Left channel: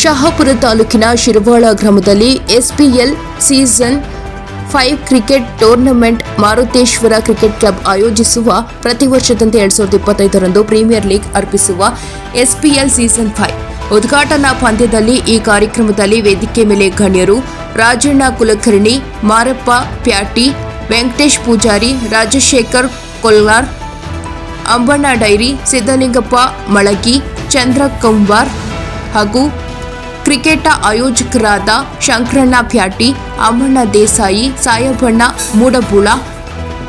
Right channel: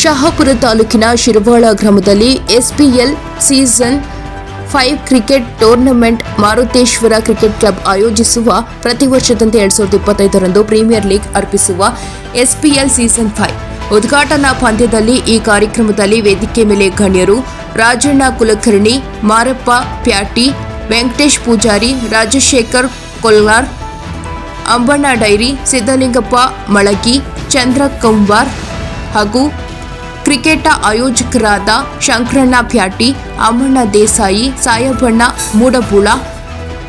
ಶಹಾಪುರ ತಾಲೂಕಿನ ಶಿರವಾಳ ಗ್ರಾಮದಲ್ಲಿ SPL season five cricket tournament Maruteshwara cricket club ಆಯೋಜಿಸುವ ಪ್ರತಿ ವರ್ಷದಂತೆ ಎರಡ್ ಸಾವಿರದ ಇಪ್ಪತ್ತೈದರಂದು ಪ್ರೀಮಿಯರ್ ಲೀಗ್ ಅರ್ಪಿಸುವ ಎಸ್ಪಿಎಲ್ ಸೀಸನ್ ಫೈವ್. ಉದ್ಘಾಟನಾ ಪಂದ್ಯದಲ್ಲಿ ಈ ಕಾರ್ಯಕ್ರಮದಲ್ಲಿ ವೇದಿಕೆ ಮೇಲೆ ಗಣ್ಯರು ರಾಜಣ್ಣ ಕುಲಕರ್ಣಿ, ಮಾರಪ್ಪ ಪ್ಯಾಟಿ, ವೆಂಕಟೇಶ್ ಪೂಜಾರಿ, ರಾಜಶೇಖರ್ ಕೊಲ್ಲಾರ್, ಅಂಬಣ್ಣ ಡೈರಿ ಸಿದ್ದಲಿಂಗಪ್ಪ ಮಳಗಿ, ಚಂದ್ರ ಕಂಬಾರ್ ಹಾಗೂ ಕ್ರಿಕೆಟ ಆಯೋಜಕರಾದ ಶಂಕರಣ್ಣ ಪ್ಯಾಟಿ ಅಮ್ಮಣ್ಣ ದೇಸಾಯಿ, ಸಾಯಬಣ್ಣ ಮೂಡಬೂಳ,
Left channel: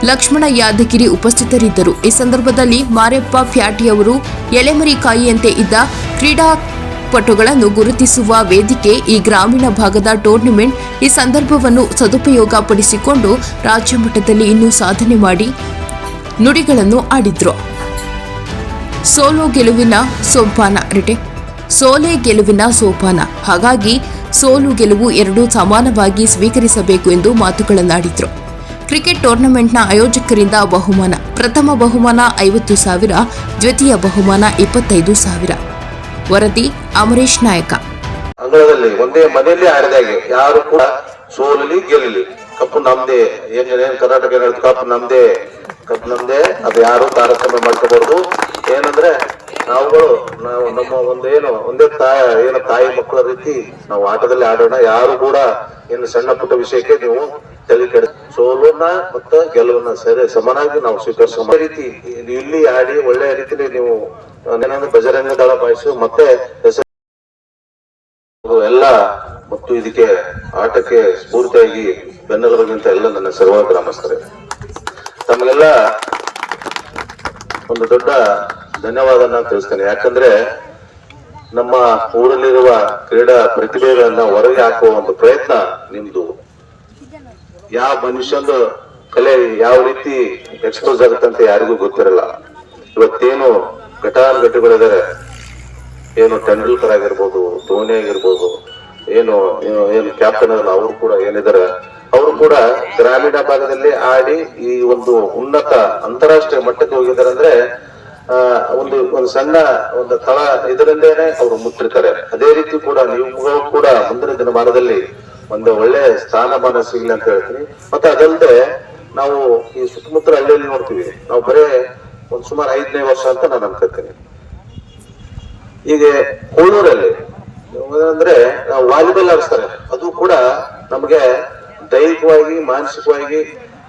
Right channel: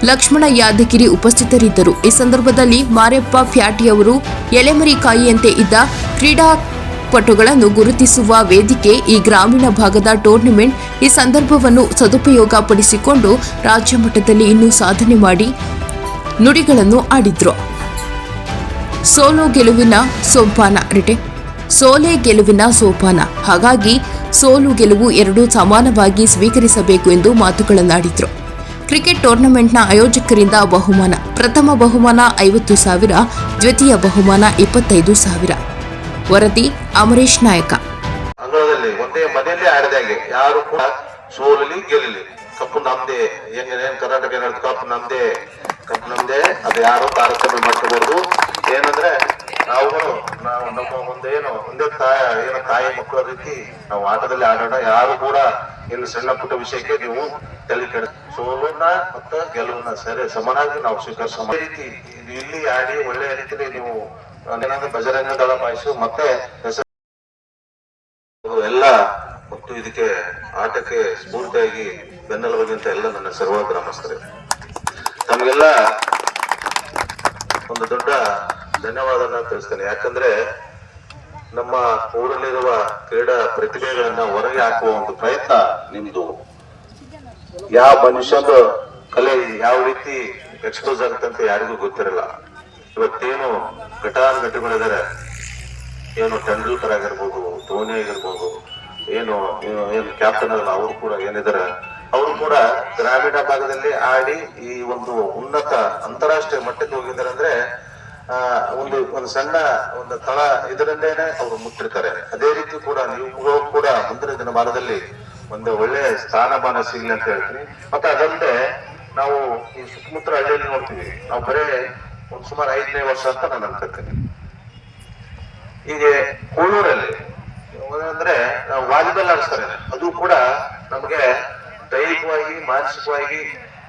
ಲಕ್ಷ್ಮಣ ಯಾದಗಿರಿ ಉಪಸ್ಥಿತರಿದ್ದರು. ಈ ಸಂದರ್ಭದಲ್ಲಿ ಮಾರೆಪ್ಪ ಫ್ಯಾಟಿಯವರು ಎಲೆಮರಿಕಾಯಿಯಂತೆ ಇದ್ದ ಕ್ರೀಡಾಪಟುಗಳನ್ನು ಗುರುತಿಸುವ ವೇದಿಕೆ ಈ ಗ್ರಾಮೀಣ ಭಾಗದ ಟೂರ್ನಮೆಂಟ್ ಈ ಸಂದರ್ಭವನ್ನು ಸದುಪಯೋಗ ಪಡಿಸಿಕೊಂಡು ರಾಜ್ಯ ಮಟ್ಟದಲ್ಲಿ ಇನ್ನೂ ಸಾಧನೆ ಮಾಡಿ ನುಡಿಗಳನ್ನು ಆಡಿದ್ರು. ಸೋಲು ಗೆಲುವಿನ ಸೋಪಾನ ರಿಟೆ ಸೋಲೆ ಗೆಲುವಿನ ಸೋಪಾನ. ಹಾಗಾಗಿ ಸೋಲು ಗೆಲುವು ಎರಡೂ ಸಮಾನವಾಗಿ ಸ್ವೀಕರಿಸಬೇಕು ಎಂದು ಮಾತುಗಳನ್ನಾಡಿದ್ರು. ಕ್ರಿಕೆಟ್ ಟೂರ್ನಮೆಂಟ್ನ ಆಯೋಜಕರಿಂದ ಬಹುಮಾನ. ಪ್ರಥಮ ಬಹುಮಾನ ಐವತ್ತು ಸಾವಿರ, ದ್ವಿತೀಯ ಬಹುಮಾನ ಇಪ್ಪತ್ತೈದು ಸಾವಿರ. ವರದಿ ಅಮರೇಶ್ ನಾಯಕ. ಅಂಗಳದಲ್ಲಿ ಒಂದೇ ಮನೆಯಲ್ಲಿ ಹಾಗೆ. ಯಾರು ಕೂಡ ಸೋಲಲಿ ಗೆಲ್ಲಲಿ. ಕಪ್ಪು ನಮ್ದೇ. ಏನೇನು ಏನ್ ಕರ್ನಾಟಕ ಏನ್ ಹೇಳ್ತು ಕಪ್ ನಮ್ದೇ. ಕಪ್ ನಮ್ದೇ. ಅದು ಯಾರು ತಾರತಮ್ಯ ಮಾಡ್ಕೋಬಹುದು. ಏನಂದ್ರೆ ನಾವುಗಳು, ನಾವು ನಮ್ಮ ಒಂದೇನು, ಒಂದೇ ತಾಯ ಏನು ತಾಯಿ ಮಕ್ಕಳ ರೀತಿ ನಾವು ಆಟದಲ್ಲಿ ಆಡೋಣ. ಯಾರು ಕೂಡ ಇನ್ನು ಸಣ್ಣ ಪುಟ್ಟ ವಿಷಯಕ್ಕೆ ನೀವು ತಲೆ ಕೆಡ, ಸೋಲನ್ನ ಮತ್ತು ಗೆಲುವನ್ನ ಸರಿ ಸಮನಾಗಿ ನಾವು ಸ್ವೀಕರಿಸೋ ರೀತಿ ಇಲ್ಲಿ ಆಡಿ ಒಳ್ಳೆ ರೀತಿಲಿ ನೀವು ಬಜರಂಗ ದಳ ಬಾಯಿಸು ಮತ್ತೆ ಹೆಸರು ಎಲ್ಲ ಮತ್ತು ಇದಕ್ಕೆ ಆಟಕ್ಕೆ ಸ್ಫೂರ್ತಿಯಾಗಿ ಬೆನ್ನೆಲುಬಗಿಂತ ಎಲ್ಲ ನನ್ನ ಸರ್ವ ಗ್ರಾಮಸ್ಥರೇ. ತಮಗೆಲ್ಲ ಒಂದು ದೊಡ್ಡ ಧನ್ಯವಾದ ನಾನು ತಿಳಿಸ್ತೇನೆ. ಯಾಕಂದ್ರೆ ನಮ್ಮ ಊರಲ್ಲಿರುವ ಕ್ರೀಡಾ ಪ್ರತಿಭೆಗಳನ್ನ ಹೊರಗೆ ಹಾಕುವ ಒಂದು ಪ್ರಯತ್ನ ನಿಮ್ದು. ಯಾವ ಮನುಷ್ಯನ ಕಲೆ ಯಾವ ರೀತಿ ಎಕ್ಸ್ಪೋಸ್ ಆಗುತ್ತೆ ಅಂತ ಯಾರಿಗೂ ಗೊತ್ತಿರಲ್ಲ. ಇವತ್ತೇನು ಘಟಾನುಘಟಿಗಳಿದ್ದಾರೆ. ಏನು ತೆಂಡೂಲ್ಕರ್ ಆಗಿರ್ಬೋದು, ಧೋನಿ ಆಗಿರ್ಬೋದು, ಏನು ಏನು ಕ್ಯಾಪ್ಟನ್ ಅಲ್ಲ ಅವರು ಕೂಡ ಏನಿದ್ದಾರೆ. ಅವರು ಕೂಡ ಗ್ರಾಮೀಣ ಭಾಗದಲ್ಲಿ ಆಡಿ ಈ ಒಂದು ಉನ್ನತ ಅಂತಾರಾಷ್ಟ್ರೀಯ ಮಟ್ಟಕ್ಕೆ ಹೋಗಿದ್ದಾರೆ ಅಂದ್ರೆ ಒಂದು ಒಂದು ಸಣ್ಣ ಒಂದು ತಳ ಇದರಿಂದೇನೆ ಅವರು ಮುಟ್ಟಿರ್ತಾರೆ. ಅದೇ ರೀತಿ ಕೂಡ ನೀವು ಕೂಡ ಮುಂದಿನ ದಿನಮಾನದಲ್ಲಿ ಒಂದು ಒಳ್ಳೆ ಸ್ಥಾನಮಾನ ಸಿಗಲಿ ಅಂತ ಹೇಳ್ತೀನಿ. ಮತ್ತೆ ಅದಲ್ಲದೆ ನಾವು ಈ ಸುತ್ತಮುತ್ತ ಹಳ್ಳಿಯಲ್ಲಿ ನೋಡ್ತೀವಿ. ನಾವು ಬರೇ ಒಂದ್ ಸುಮಾರು ಐದನೇ ವರ್ಷ ಅಂತ ನಾನು ಅನ್ಕೋತೀನಿ. ಹೀಗೆ ಕೋಳೂರಲ್ಲಿ ಅಂದ್ರೆ ವಾಲಿಬಾಲ್ ಆಡಿಸ್ತಾರೆ. ಅದು ಕೂಡ ನಮಗೆ ದೈಹಿಕವಾಗಿ, ಮಾನಸಿಕವಾಗಿ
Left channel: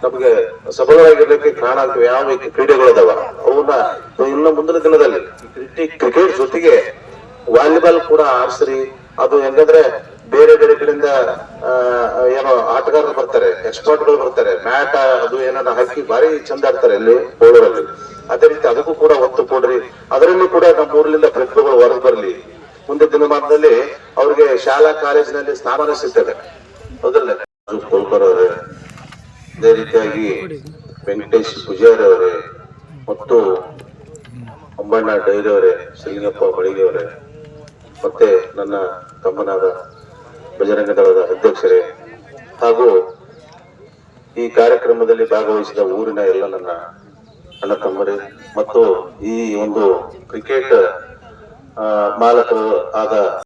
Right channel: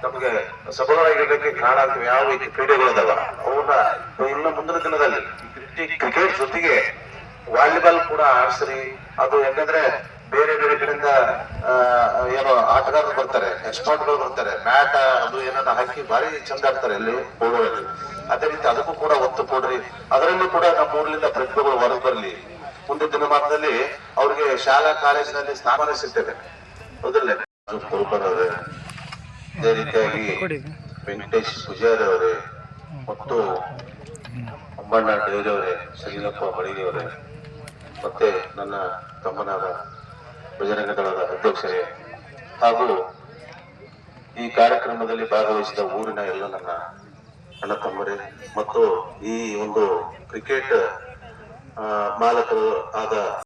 ನಮಗೆ ಸಬಲವಾಗಿರ್ಲಿಕ್ಕೆ ಕಾರಣ ಆಗ್ತವೆ. ಯಾವ ರೀತಿ ಕ್ರೀಡೆಗಳಿದಾವ ಅವನ್ನ ಇನ್ನು ಮುಂದಿನ ದಿನದಲ್ಲಿ ಕ್ರಿಕೆಟ್ ಜೊತೆಗೆ ವಾಲಿಬಾಲ್ ಕೂಡ ಆಡ್ಸ್ರಿ. ಅದು ಹೆಂಗಂದ್ರೆ ಬೇರೆ ಬೇರೆ ಕಡೆಯಿಂದ ಏನೋ ಆಟಗಾರರು ಬರ್ತಾರೆ ಎಕ್ಸ್ಪರ್ಟ್ಗಳು ಬರ್ತಾರೆ. ಮ್ಯಾಟ್, ಅದು ಏನಾರ ಹಾಕಿ ಭಾರಿ ಚಂದ ಆಡ್ತಾರೆ ಇಲ್ಲಿ ಕೋಳೂರಲ್ಲಿ ಅದೇ ರೀತಿ ಅದಕ್ಕೂ ಕೂಡ ಒತ್ತು ಕೊಡ್ರಿ. ಅದರಲ್ಲೂ ಕೂಡ ನಮ್ಮ ಊರ್ಲಿಂದ ಪ್ರತಿಭೆಗಳು ಹೊರಗೆ ಬರಲಿ. ಮುಂದೆ ದಿನಮಾನದಲ್ಲಿ ಅವ್ರಿಗೆ ಶಾಲಾ ಕಾಲೇಜಿನಲ್ಲಿ ಸ್ಥಾನ ಸಿಗ್ತದೆ. ಹೌದಲ್ಲೇ ಅದೇ ರೀತಿಯಾಗಿ ವೆಂಕಟೇಶ್ ಪೂಜಾರಿ ಅವರೇ ಮತ್ತು ಅಂಬಣ್ಣ ಡೈರಿ ಅವರೇ ಶ್ರೀನಪ್ಪ ಅವರೇ, ಮತ್ತೆ ನನ್ನ ತಮ್ಮನಾದ ಬಜರಂಗ ದಳದ ಅಧ್ಯಕ್ಷರೇ, ಹಾಗೂ ಈ ಕಾರ್ಯಕ್ರಮದಲ್ಲಿ ಭಾಗವಹಿಸಿದ ಊರಿನ ಎಲ್ಲ ನನ್ನ ಅಣ್ಣ ತಮ್ಮರೇ, ಮತ್ತು ಈ ಒಂದು ಕ್ರಿಕೆಟ್ ಮಾಲಕರು ಆದ